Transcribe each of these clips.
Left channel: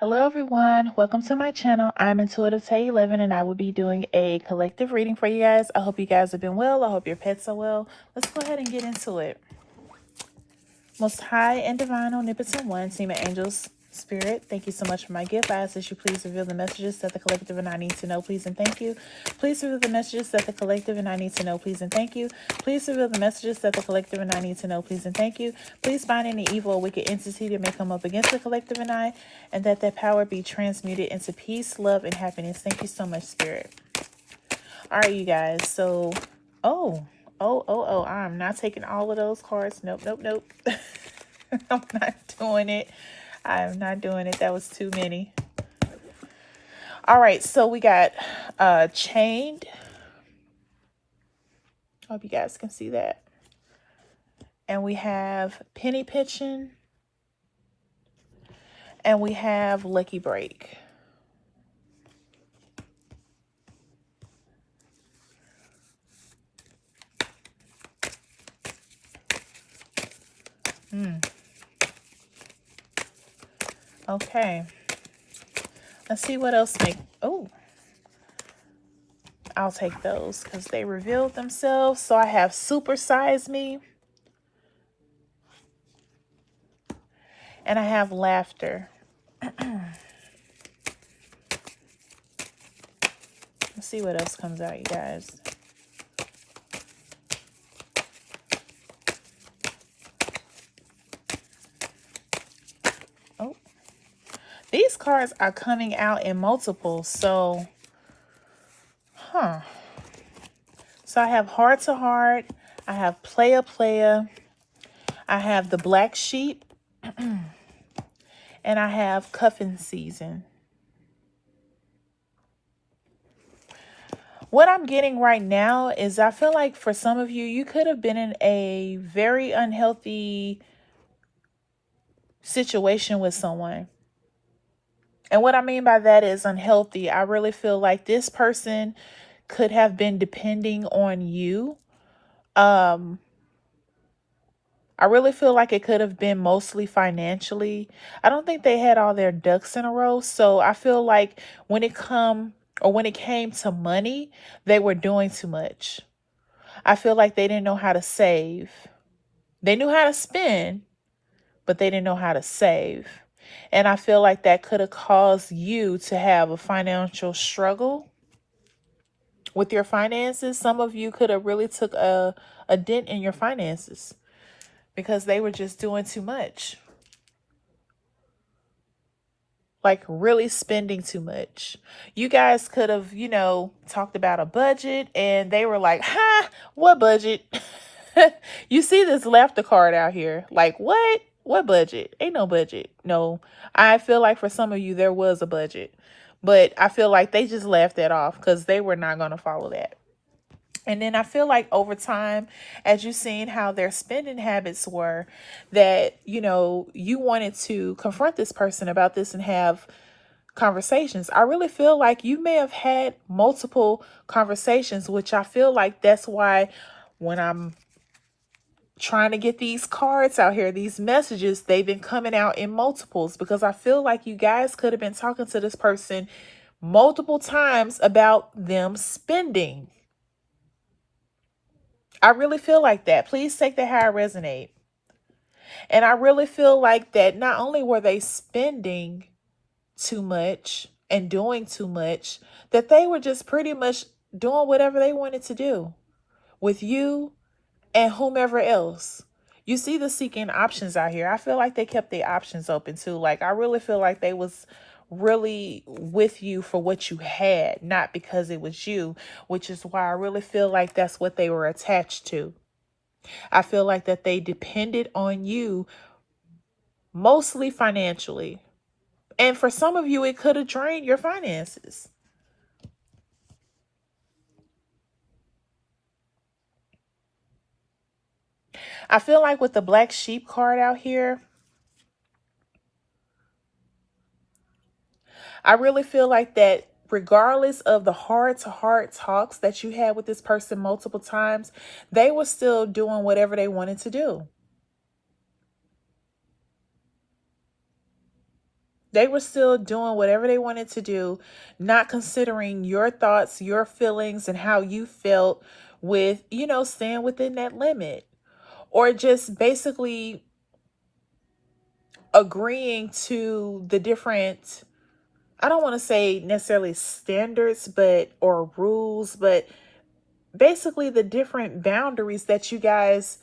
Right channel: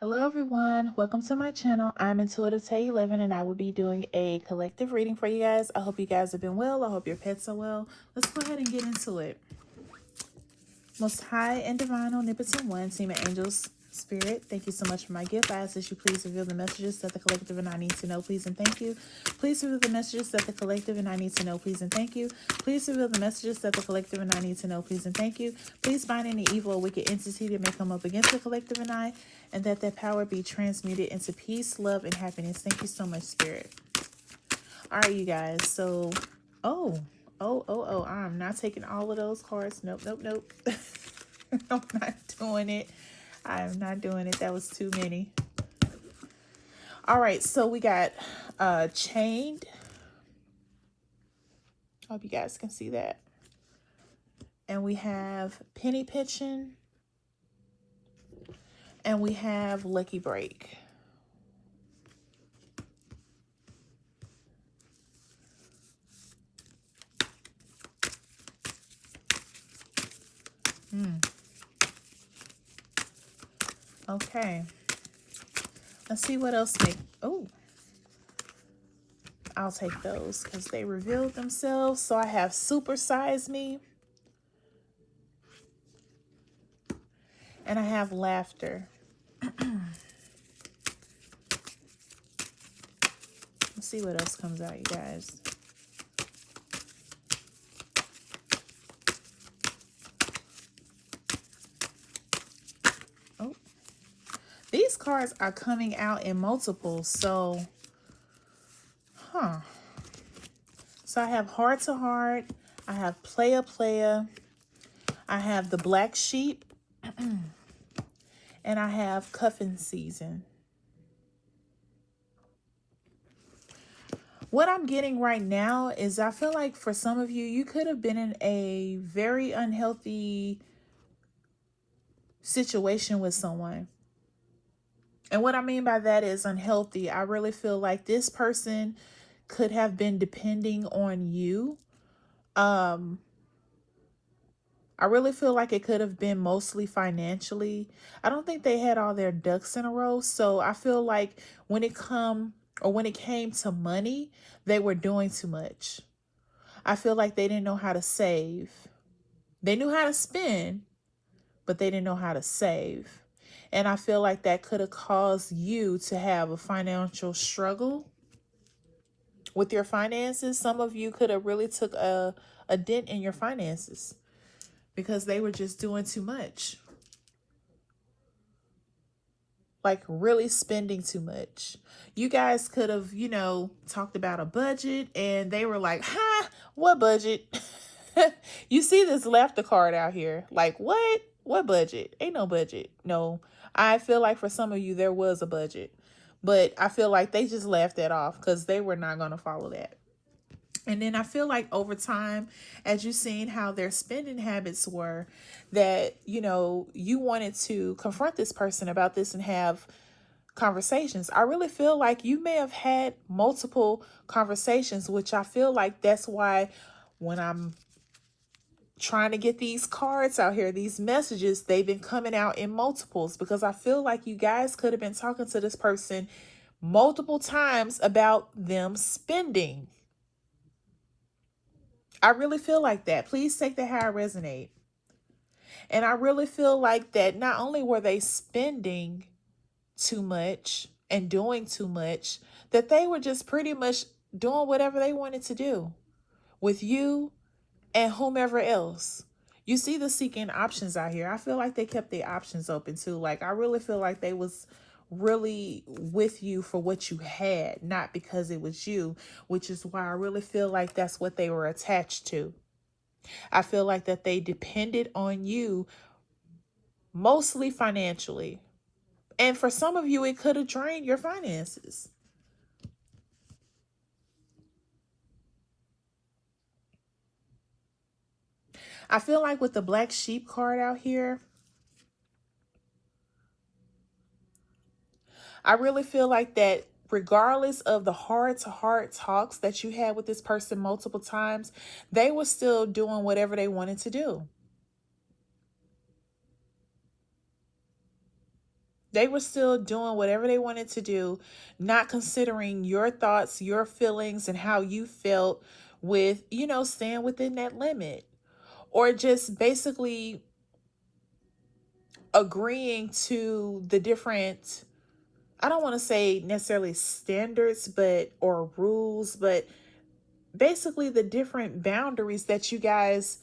Hello everyone, welcome to my channel. I'm Intuitive Tay 11 and I will be doing a collective reading for you guys. I hope you guys have been well. I hope your pets are well. Let's go ahead and get into it. Most High and Divine Omnipotent One, Team of Angels, Spirit, thank you so much for my gift. I ask that you please reveal the messages that the collective and I need to know, please and thank you. Please reveal the messages that the collective and I need to know, please and thank you. Please reveal the messages that the collective and I need to know, please and thank you. Please bind any evil or wicked entity that may come up against the collective and I, and that power be transmuted into peace, love, and happiness. Thank you so much, Spirit. All right, you guys. So, I'm not taking all of those cards. Nope. I'm not doing it. I'm not doing it. That was too many. All right, so we got Chained. Hope you guys can see that. And we have Penny Pitching. And we have Lucky Break. Okay. Let's see what else I'll take those because they revealed themselves. So I have Super Size Me. And I have Laughter. Let's see what else comes out, you guys. Oh, these cards are coming out in multiples. So, So I have Heart to Heart. I have Playa. I have the Black Sheep. And I have Cuffing Season. What I'm getting right now is I feel like for some of you, you could have been in a very unhealthy situation with someone. And what I mean by that is unhealthy. I really feel like this person could have been depending on you. I really feel like it could have been mostly financially. I don't think they had all their ducks in a row. So I feel like when it came to money, they were doing too much. I feel like they didn't know how to save. They knew how to spend, but they didn't know how to save. And I feel like that could have caused you to have a financial struggle with your finances. Some of you could have really took a dent in your finances because they were just doing too much. Like really spending too much. You guys could have, talked about a budget and they were like, ha, what budget? You see this laughter card out here. Like, what? What budget? Ain't no budget. No, I feel like for some of you, there was a budget. But I feel like they just laughed that off because they were not going to follow that. And then I feel like over time, as you've seen how their spending habits were, that, you wanted to confront this person about this and have conversations. I really feel like you may have had multiple conversations, which I feel like that's why when I'm trying to get these cards out here, these messages, they've been coming out in multiples, because I feel like you guys could have been talking to this person multiple times about them spending. I really feel like that. Please take that how I resonate. And I really feel like that not only were they spending too much and doing too much, that they were just pretty much doing whatever they wanted to do with you and whomever else. You see the seeking options out here. I feel like they kept their options open too. Like, I really feel like they was really with you for what you had, not because it was you, which is why I really feel like that's what they were attached to. I feel like that they depended on you mostly financially. And for some of you, it could have drained your finances. I feel like with the Black Sheep card out here, I really feel like that regardless of the heart-to-heart talks that you had with this person multiple times, they were still doing whatever they wanted to do. They were still doing whatever they wanted to do, not considering your thoughts, your feelings, and how you felt with, staying within that limit. Or just basically agreeing to the different, I don't want to say necessarily standards, or rules, but basically the different boundaries that you guys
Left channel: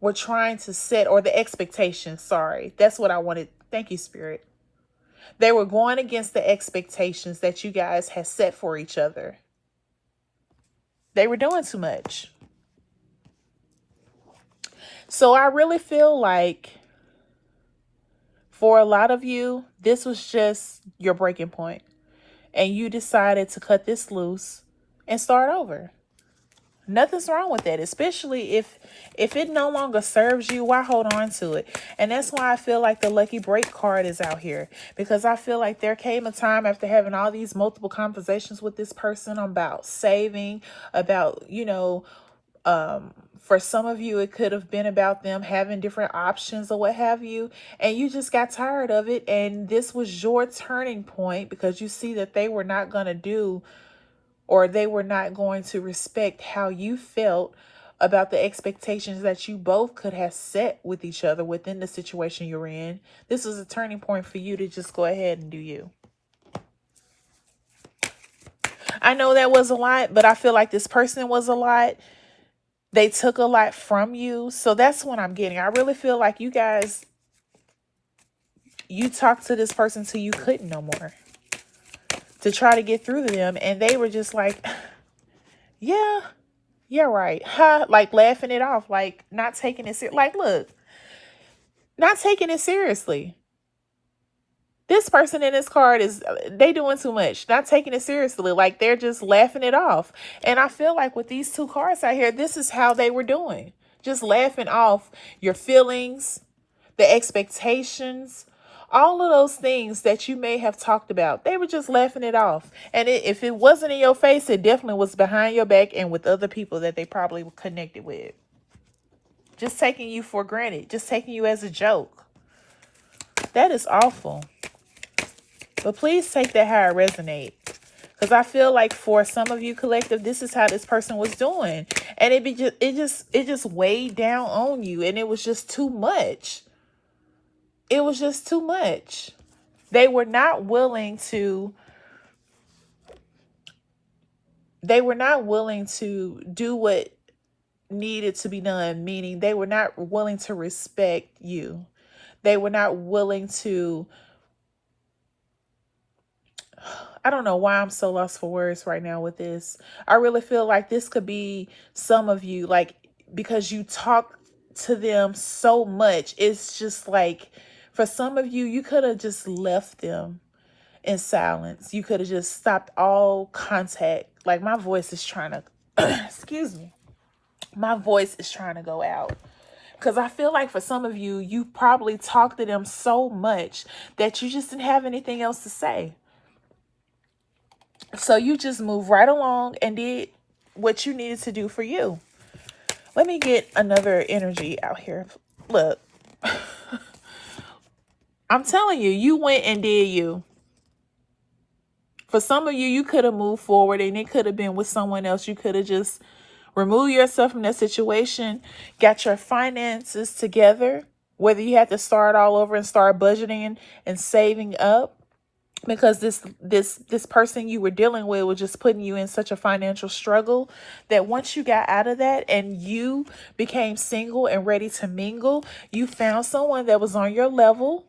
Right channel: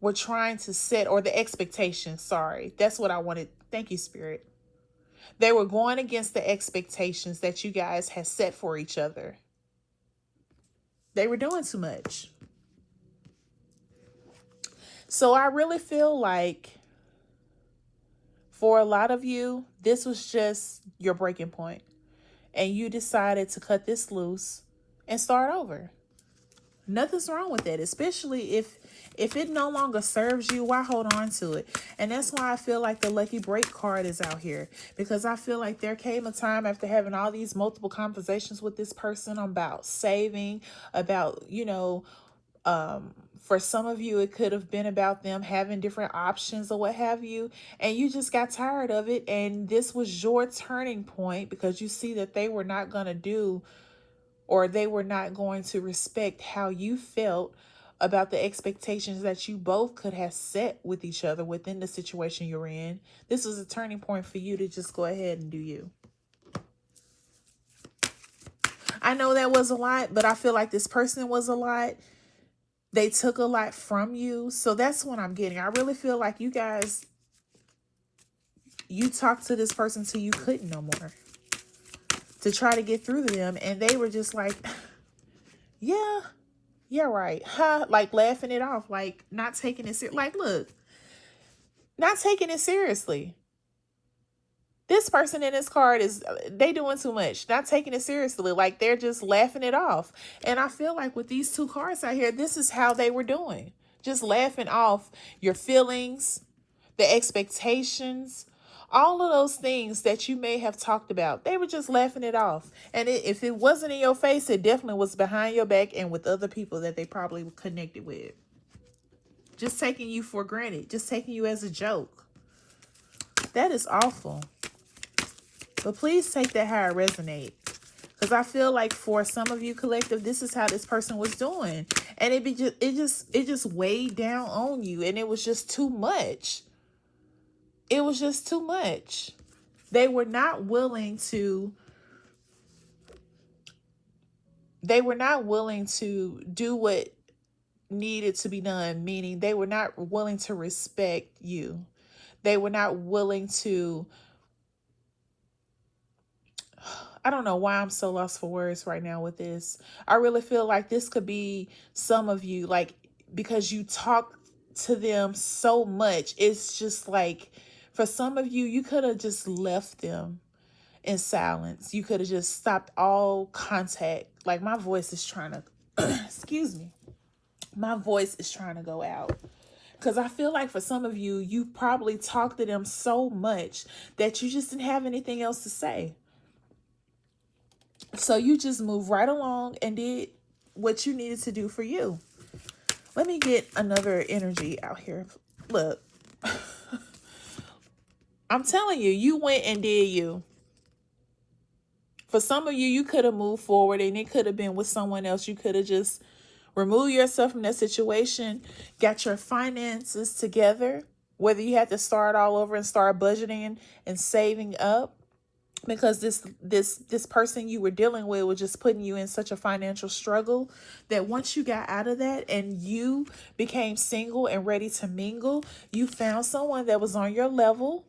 were trying to set, or the expectations. Sorry, that's what I wanted. Thank you, Spirit. They were going against the expectations that you guys had set for each other. They were doing too much. So I really feel like for a lot of you, this was just your breaking point, and you decided to cut this loose and start over. Nothing's wrong with that, especially if it no longer serves you. Why hold on to it? And that's why I feel like the lucky break card is out here, because I feel like there came a time after having all these multiple conversations with this person about saving, about, for some of you, it could have been about them having different options or what have you, and you just got tired of it. And this was your turning point, because you see that they were not going to do, or they were not going to respect how you felt about the expectations that you both could have set with each other within the situation you're in. This was a turning point for you to just go ahead and do you. I know that was a lot, but I feel like this person was a lot. They took a lot from you. So that's what I'm getting. I really feel like you guys, you talked to this person till you couldn't no more, to try to get through to them. And they were just like, yeah, right. Huh? Like laughing it off, like not taking it seriously. Like, look, not taking it seriously. This person in this card they doing too much, not taking it seriously. Like they're just laughing it off. And I feel like with these two cards out here, this is how they were doing. Just laughing off your feelings, the expectations, all of those things that you may have talked about. They were just laughing it off. And if it wasn't in your face, it definitely was behind your back and with other people that they probably were connected with. Just taking you for granted. Just taking you as a joke. That is awful. But please take that how it resonates. Because I feel like for some of you, collective, this is how this person was doing. And it just weighed down on you. And it was just too much. It was just too much. They were not willing to do what needed to be done, meaning they were not willing to respect you. They were not willing to, I don't know why I'm so lost for words right now with this. I really feel like this could be some of you, like, because you talk to them so much. It's just like, for some of you, you could have just left them in silence. You could have just stopped all contact. Like, my voice is trying to, excuse me. My voice is trying to go out. Because I feel like for some of you, you probably talked to them so much that you just didn't have anything else to say. So you just moved right along and did what you needed to do for you. Let me get another energy out here. Look, I'm telling you, you went and did you. For some of you, you could have moved forward and it could have been with someone else. You could have just removed yourself from that situation, got your finances together, whether you had to start all over and start budgeting and saving up. Because this person you were dealing with was just putting you in such a financial struggle that once you got out of that and you became single and ready to mingle, you found someone that was on your level.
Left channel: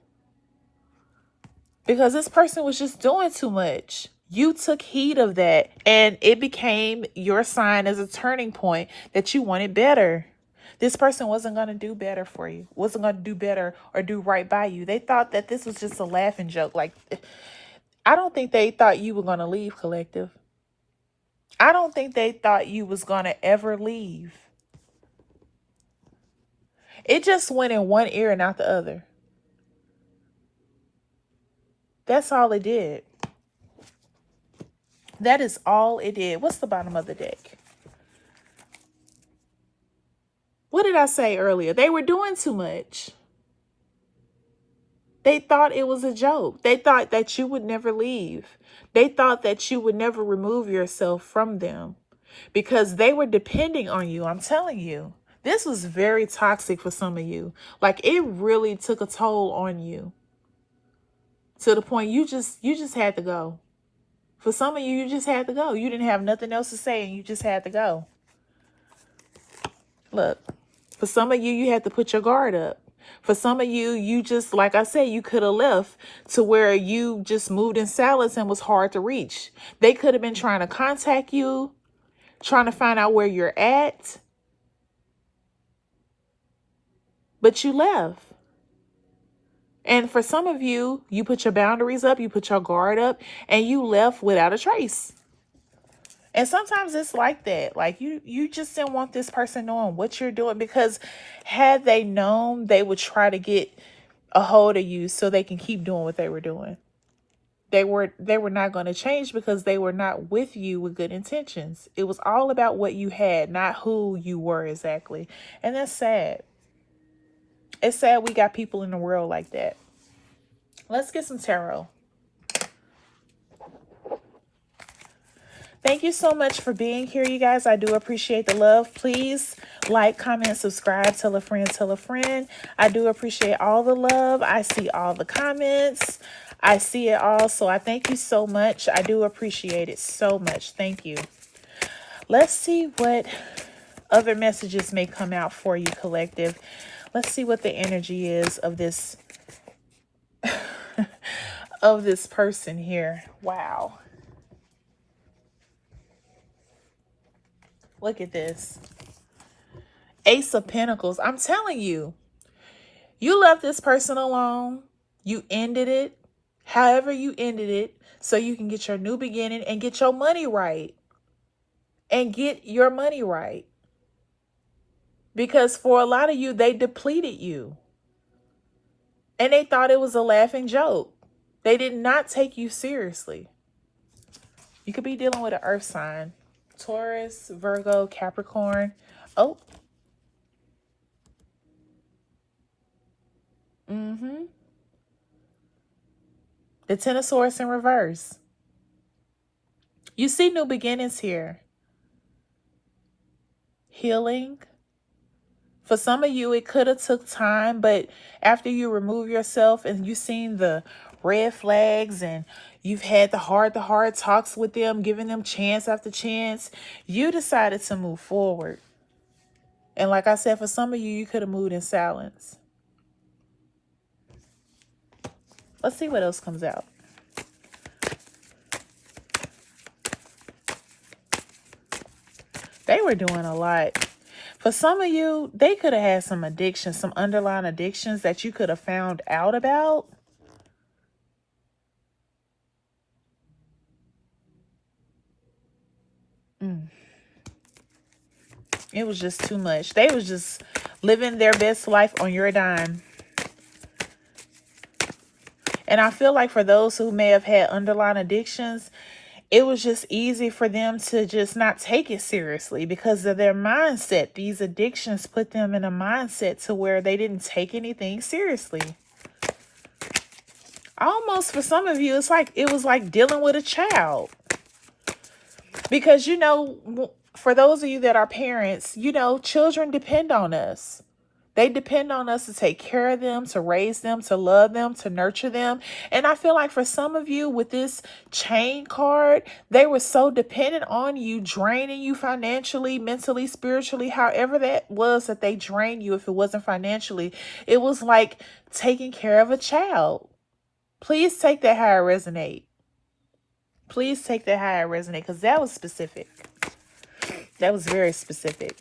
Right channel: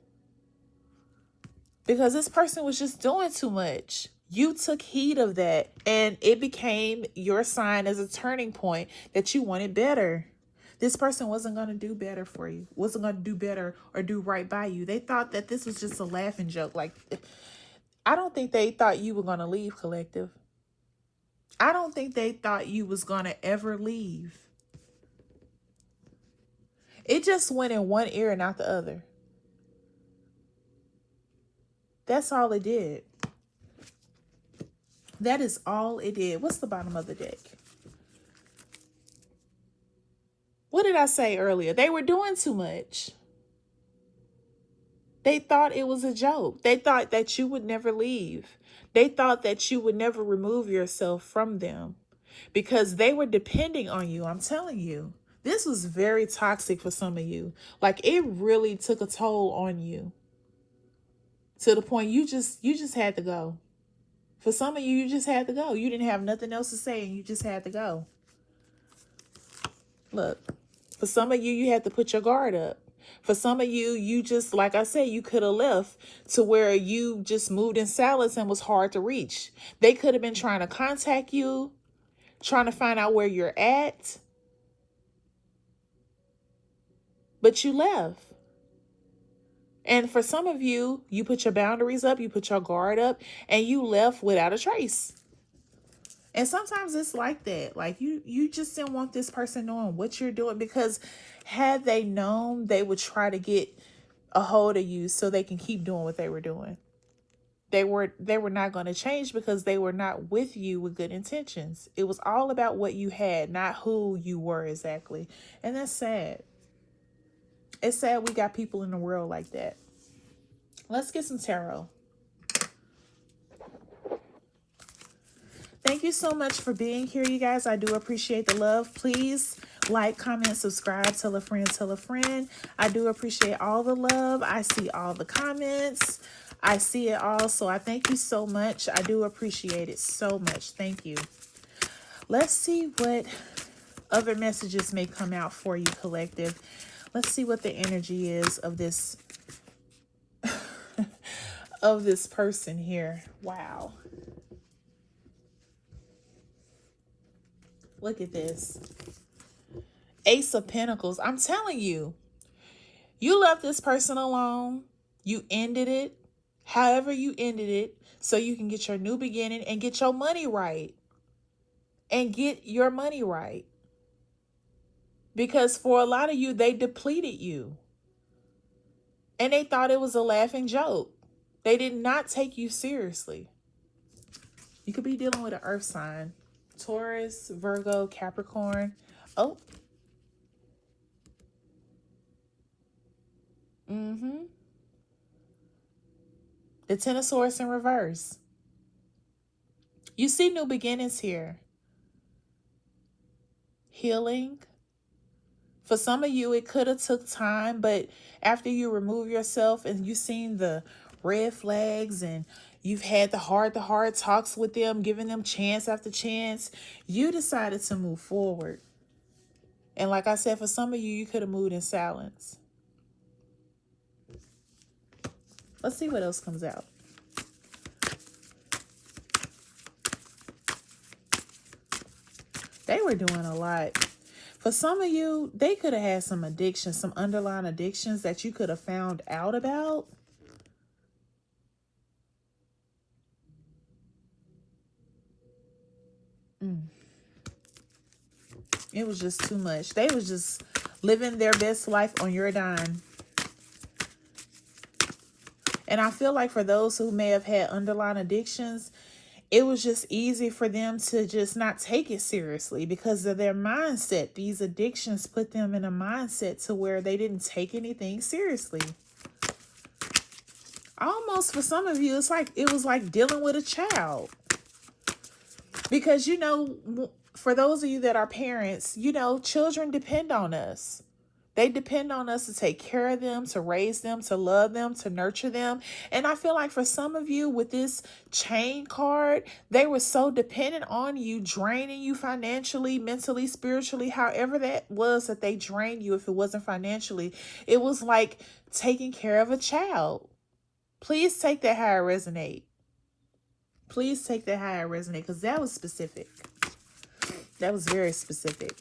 Because this person was just doing too much. You took heed of that, and it became your sign as a turning point that you wanted better. This person wasn't going to do better for you, wasn't going to do better or do right by you. They thought that this was just a laughing joke. Like, I don't think they thought you were going to leave, collective. I don't think they thought you was going to ever leave. It just went in one ear and out the other. That's all it did. That is all it did. What's the bottom of the deck? What did I say earlier? They were doing too much. They thought it was a joke. They thought that you would never leave. They thought that you would never remove yourself from them because they were depending on you. I'm telling you, this was very toxic for some of you. Like, it really took a toll on you to the point you just had to go. For some of you, you just had to go. You didn't have nothing else to say and you just had to go. Look, for some of you, you had to put your guard up. For some of you, you just, like I said, you could have left to where you just moved in silence and was hard to reach. They could have been trying to contact you, trying to find out where you're at, but you left. And for some of you, you put your boundaries up, you put your guard up, and you left without a trace. And sometimes it's like that. Like, you just didn't want this person knowing what you're doing, because had they known, they would try to get a hold of you so they can keep doing what they were doing. They were not going to change because they were not with you with good intentions. It was all about what you had, not who you were exactly. And that's sad. It's sad we got people in the world like that. Let's get some tarot. Thank you so much for being here, you guys. I do appreciate the love. Please like, comment, subscribe, tell a friend, tell a friend. I do appreciate all the love. I see all the comments. I see it all. So I thank you so much. I do appreciate it so much. Thank you. Let's see what other messages may come out for you, collective. Let's see what the energy is of this of this person here. Wow. Look at this. Ace of Pentacles. I'm telling you, you left this person alone. You ended it. However you ended it, so you can get your new beginning and get your money right. And get your money right. Because for a lot of you, they depleted you. And they thought it was a laughing joke. They did not take you seriously. You could be dealing with an earth sign. Taurus, Virgo, Capricorn. Oh. The Ten of Swords in reverse. You see new beginnings here. Healing. For some of you, it could have took time, but after you remove yourself and you've seen the red flags and you've had the heart-to-heart talks with them, giving them chance after chance, you decided to move forward. And like I said, for some of you, you could have moved in silence. Let's see what else comes out. They were doing a lot. For some of you, they could have had some addictions, some underlying addictions that you could have found out about. It was just too much. They was just living their best life on your dime. And I feel like for those who may have had underlying addictions, it was just easy for them to just not take it seriously because of their mindset. These addictions put them in a mindset to where they didn't take anything seriously. Almost for some of you, it was like dealing with a child. Because, you know, for those of you that are parents, you know, children depend on us. They depend on us to take care of them, to raise them, to love them, to nurture them. And I feel like for some of you with this chain card, they were so dependent on you, draining you financially, mentally, spiritually, however that was that they drained you. If it wasn't financially, it was like taking care of a child. Please take that how it resonate. Please take that how it resonate, because that was specific. That was very specific.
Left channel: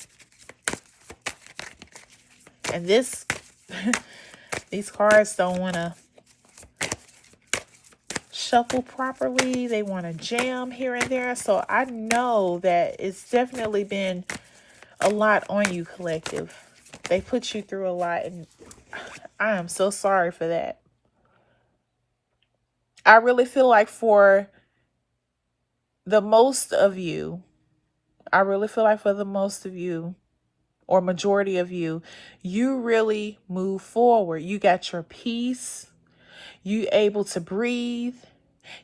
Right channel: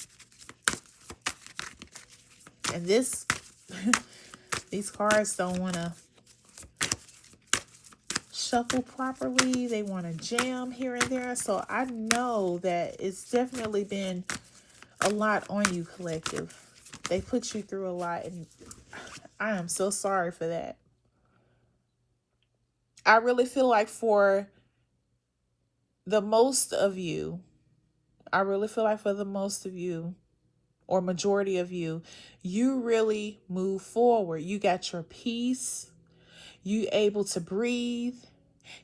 And this, these cards don't want to shuffle properly. They want to jam here and there. So I know that it's definitely been a lot on you, collective. They put you through a lot, and I am so sorry for that. I really feel like for the most of you, or majority of you, you really move forward. You got your peace. You're able to breathe.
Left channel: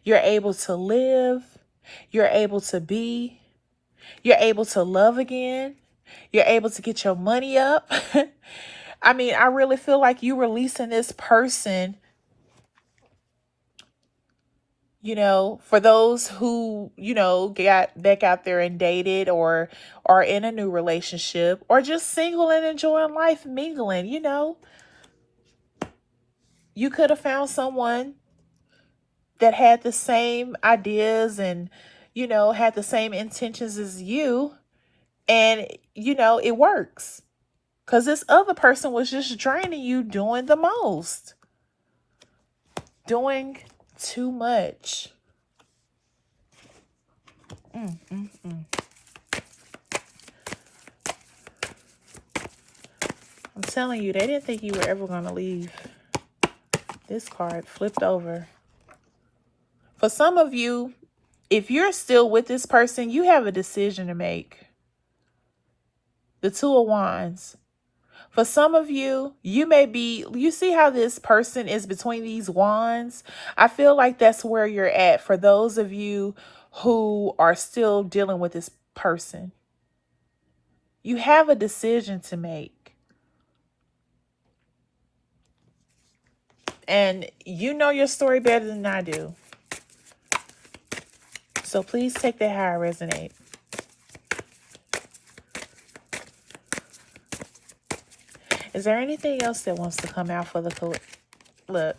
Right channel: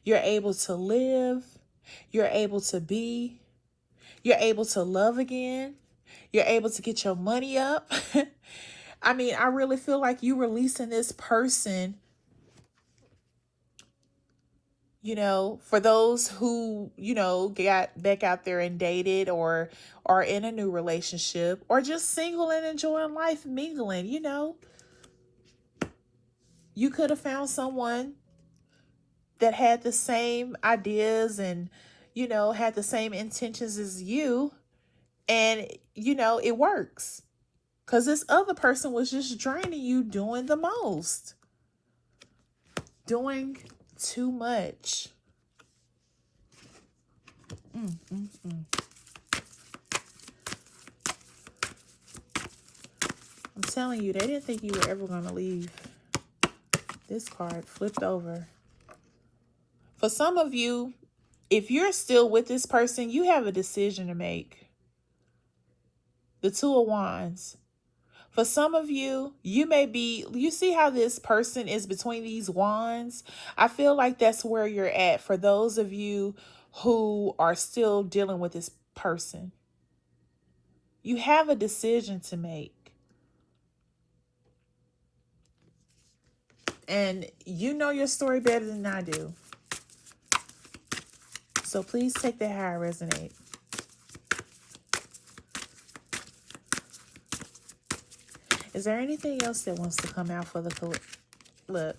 You're able to live. You're able to be. You're able to love again. You're able to get your money up. I mean, I really feel like you releasing this person, you know, for those who, you know, got back out there and dated or are in a new relationship or just single and enjoying life, mingling, you know. You could have found someone that had the same ideas and, you know, had the same intentions as you. And, you know, it works. Because this other person was just draining you, doing the most. Doing too much. I'm telling you, they didn't think you were ever going to leave. This card flipped over. For some of you, if you're still with this person, you have a decision to make. The Two of Wands. For some of you, you see how this person is between these wands? I feel like that's where you're at for those of you who are still dealing with this person. You have a decision to make. And you know your story better than I do. So please take that how it resonates. Is there anything else that wants to come out for the look?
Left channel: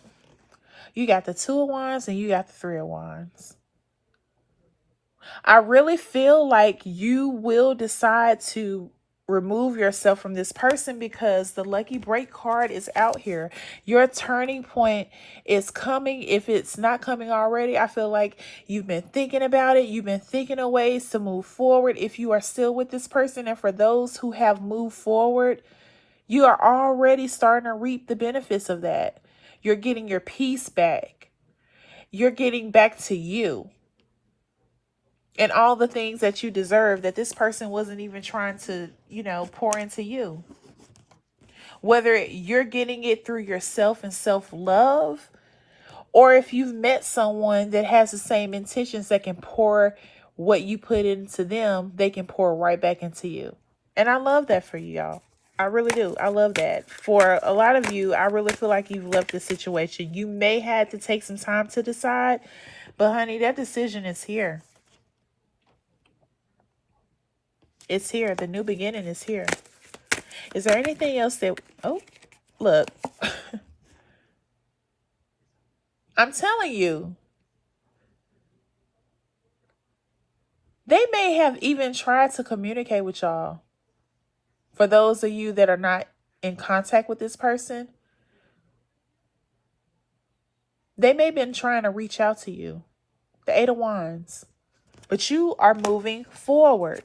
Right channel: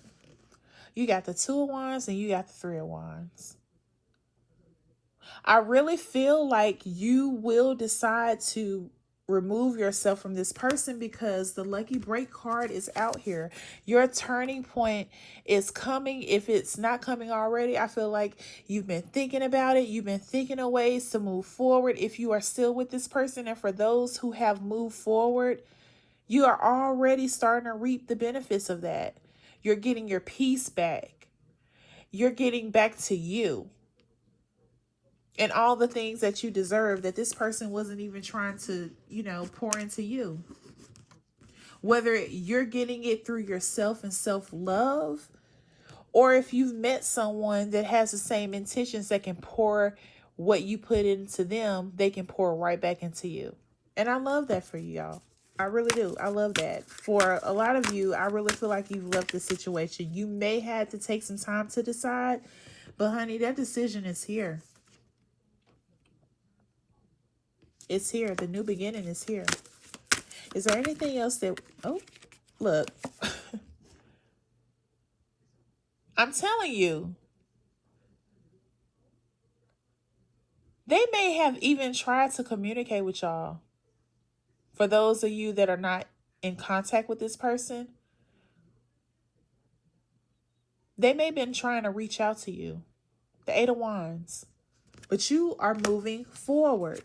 You got the Two of Wands and you got the Three of Wands. I really feel like you will decide to remove yourself from this person because the lucky break card is out here. Your turning point is coming. If it's not coming already, I feel like you've been thinking about it. You've been thinking of ways to move forward if you are still with this person. And for those who have moved forward, you are already starting to reap the benefits of that. You're getting your peace back. You're getting back to you. And all the things that you deserve that this person wasn't even trying to, you know, pour into you. Whether you're getting it through yourself and self-love, or if you've met someone that has the same intentions that can pour what you put into them, they can pour right back into you. And I love that for you, y'all. I really do. I love that. For a lot of you, I really feel like you've left the situation. You may have to take some time to decide, but honey, that decision is here. It's here. The new beginning is here. Is there anything else that... Oh, look. I'm telling you. They may have even tried to communicate with y'all. For those of you that are not in contact with this person, they may have been trying to reach out to you. The Eight of Wands. But you are moving forward.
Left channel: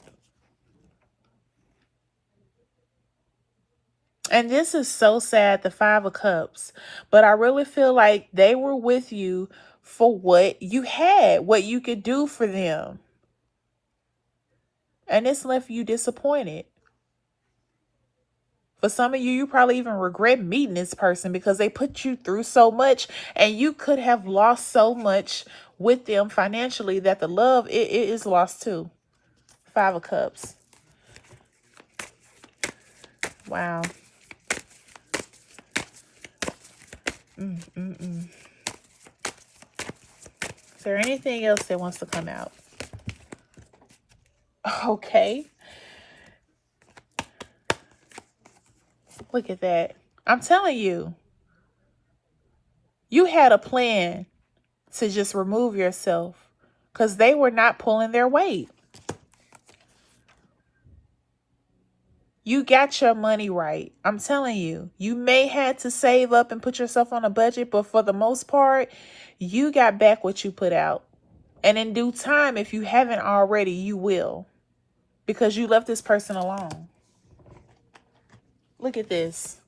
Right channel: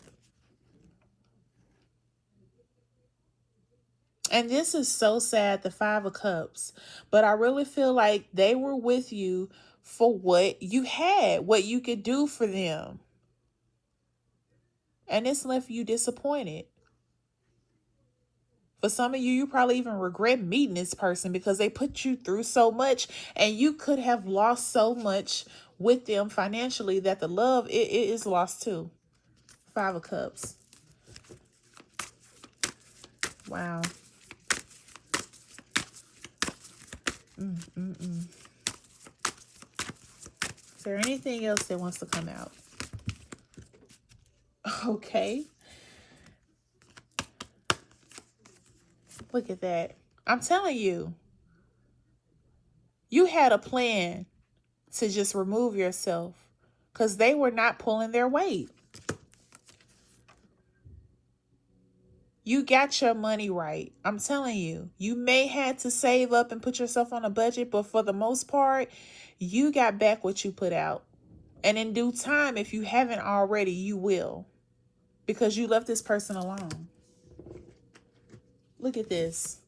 And this is so sad, the Five of Cups. But I really feel like they were with you for what you had, what you could do for them. And it's left you disappointed. For some of you, you probably even regret meeting this person because they put you through so much and you could have lost so much with them financially that the love, it is lost too. Five of Cups. Wow. Is there anything else that wants to come out? Okay. Look at that. I'm telling you. You had a plan to just remove yourself because they were not pulling their weight. You got your money right. I'm telling you. You may have to save up and put yourself on a budget, but for the most part, you got back what you put out. And in due time, if you haven't already, you will. Because you left this person alone. Look at this.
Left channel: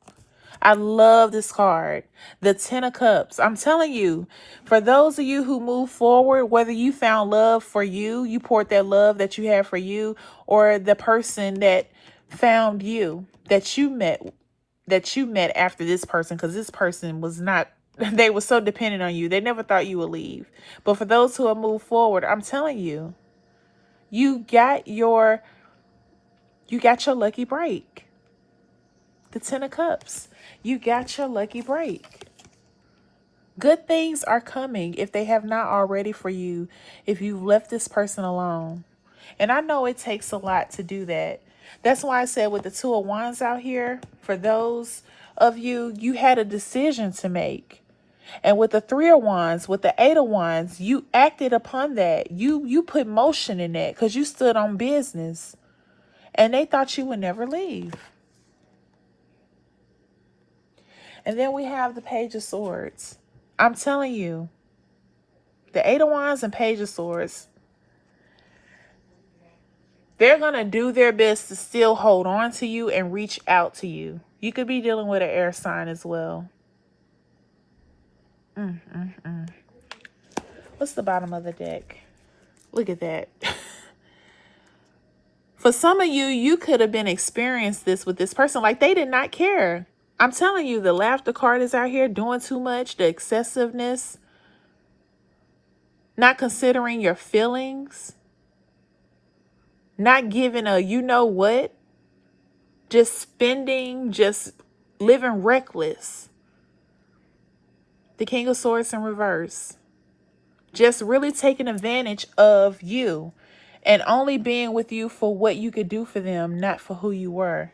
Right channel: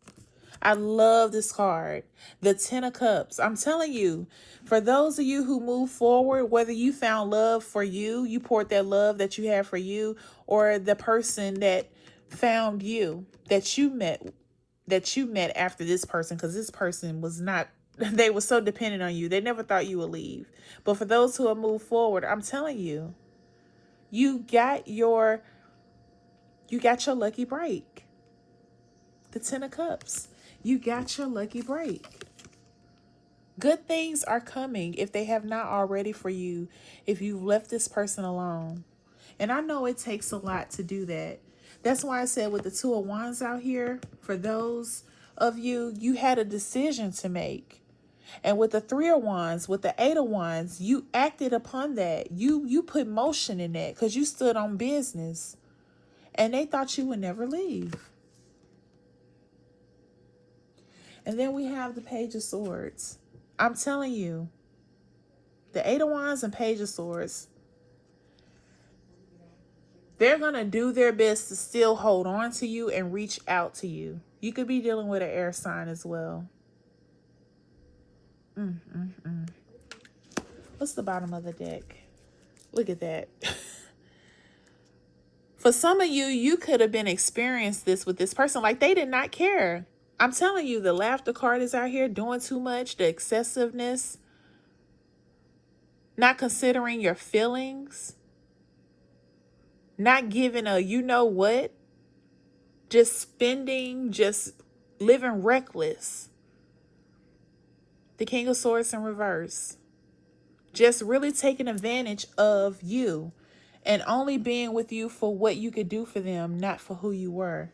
I love this card. The Ten of Cups. I'm telling you, for those of you who move forward, whether you found love for you, you poured that love that you had for you, or the person that found you, that you met after this person, because this person was not They were so dependent on you. They never thought you would leave. But for those who have moved forward, I'm telling you, you got your lucky break. The 10 of Cups. You got your lucky break. Good things are coming if they have not already for you, if you've left this person alone. And I know it takes a lot to do that. That's why I said with the Two of Wands out here, for those of you, you had a decision to make. And with the Three of Wands, with the Eight of Wands, you acted upon that. You put motion in that because you stood on business. And they thought you would never leave. And then we have the Page of Swords. I'm telling you, the Eight of Wands and Page of Swords, they're going to do their best to still hold on to you and reach out to you. You could be dealing with an air sign as well. What's the bottom of the deck? Look at that. For some of you, you could have been experienced this with this person. Like, they did not care. I'm telling you, the laughter card is out here doing too much. The excessiveness. Not considering your feelings. Not giving a you know what. Just spending. Just living reckless. The King of Swords in reverse. Just really taking advantage of you. And only being with you for what you could do for them. Not for who you were.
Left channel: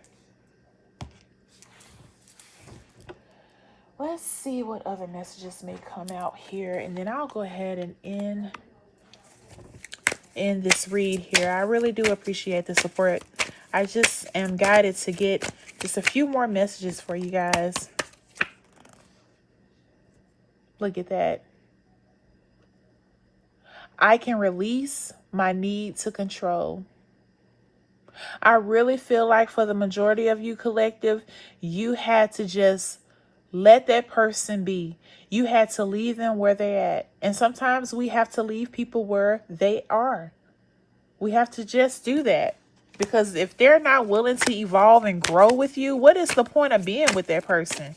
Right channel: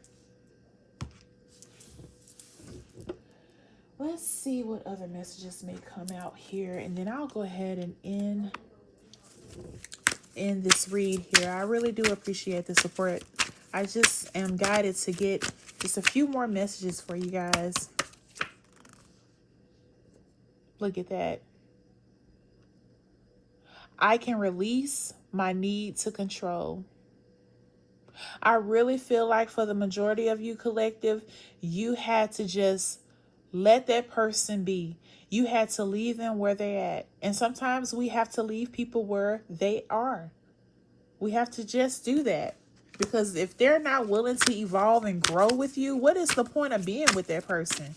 Let's see what other messages may come out here. And then I'll go ahead and end this read here. I really do appreciate the support. I just am guided to get just a few more messages for you guys. Look at that. I can release my need to control. I really feel like for the majority of you, collective, you had to just let that person be. You had to leave them where they're at. And sometimes we have to leave people where they are. We have to just do that. Because if they're not willing to evolve and grow with you, what is the point of being with that person?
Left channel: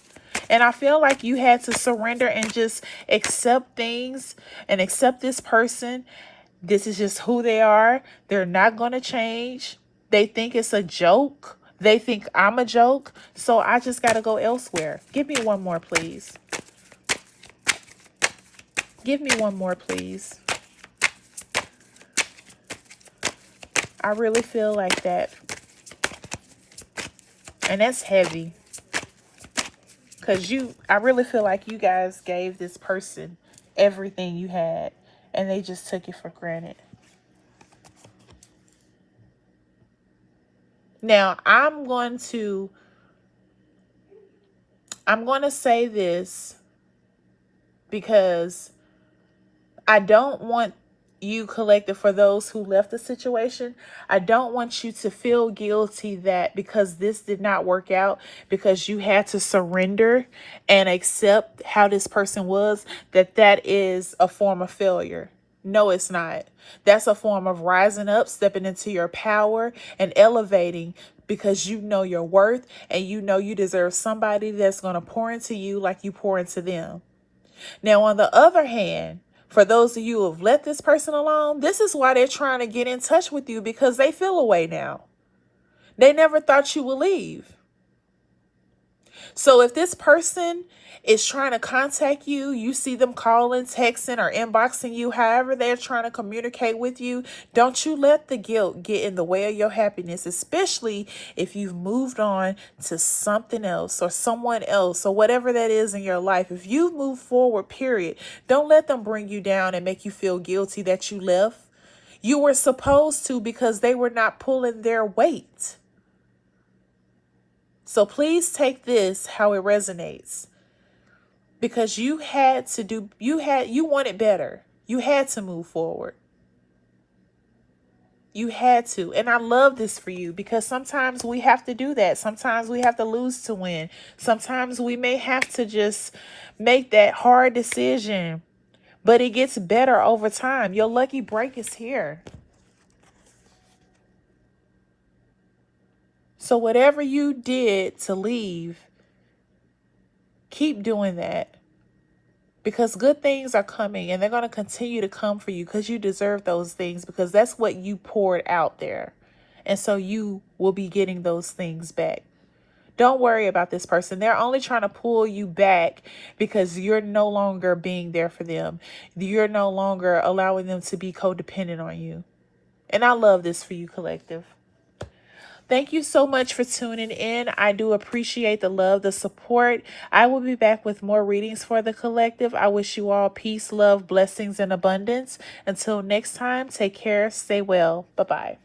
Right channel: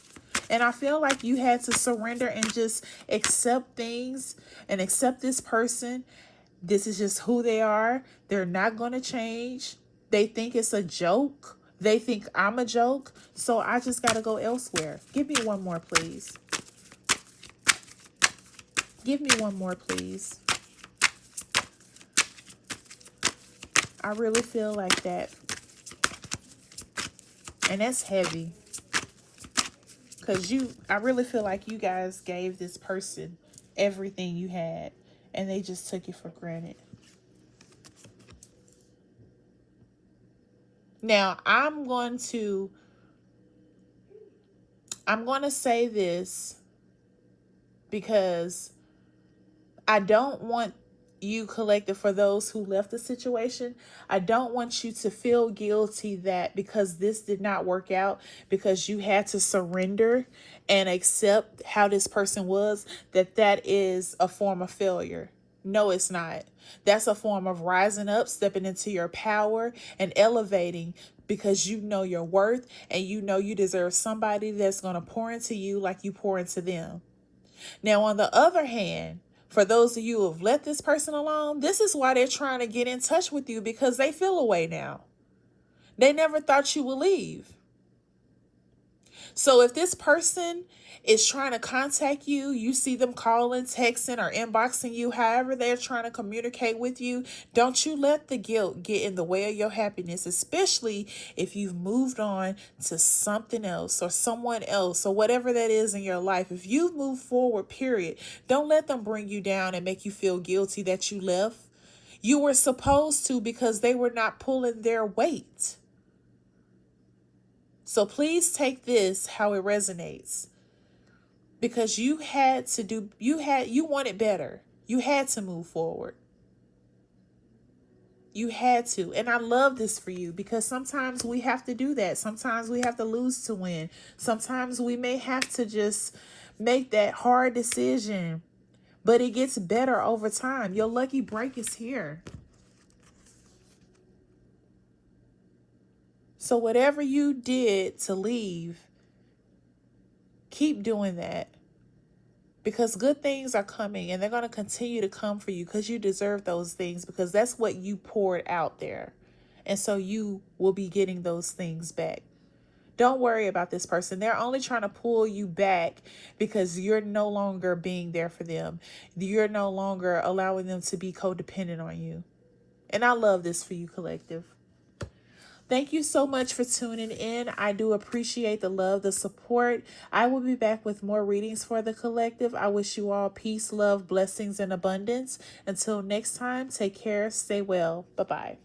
And I feel like you had to surrender and just accept things and accept this person. This is just who they are. They're not going to change. They think it's a joke. They think I'm a joke. So I just got to go elsewhere. Give me one more, please. Give me one more, please. I really feel like that. And that's heavy. Because I really feel like you guys gave this person everything you had. And they just took it for granted. Now, I'm going to say this because I don't want you, collective, for those who left the situation, I don't want you to feel guilty that because this did not work out, because you had to surrender and accept how this person was, that is a form of failure. No, it's not. That's a form of rising up, stepping into your power and elevating, because you know your worth and you know you deserve somebody that's going to pour into you like you pour into them. Now, on the other hand, for those of you who have let this person alone, this is why they're trying to get in touch with you, because they feel away now. They never thought you would leave. So if this person is trying to contact you, you see them calling, texting, or inboxing you, however they're trying to communicate with you, don't you let the guilt get in the way of your happiness, especially if you've moved on to something else or someone else or whatever that is in your life. If you've moved forward, period, don't let them bring you down and make you feel guilty that you left. You were supposed to, because they were not pulling their weight. So please take this how it resonates. Because you wanted better. You had to move forward. You had to. And I love this for you, because sometimes we have to do that. Sometimes we have to lose to win. Sometimes we may have to just make that hard decision. But it gets better over time. Your lucky break is here. So whatever you did to leave, keep doing that. because good things are coming, and they're going to continue to come for you because you deserve those things, because that's what you poured out there. And so you will be getting those things back. Don't worry about this person. They're only trying to pull you back because you're no longer being there for them. You're no longer allowing them to be codependent on you. And I love this for you, collective. Thank you so much for tuning in. I do appreciate the love, the support. I will be back with more readings for the collective. I wish you all peace, love, blessings, and abundance. Until next time, take care, stay well. Bye-bye.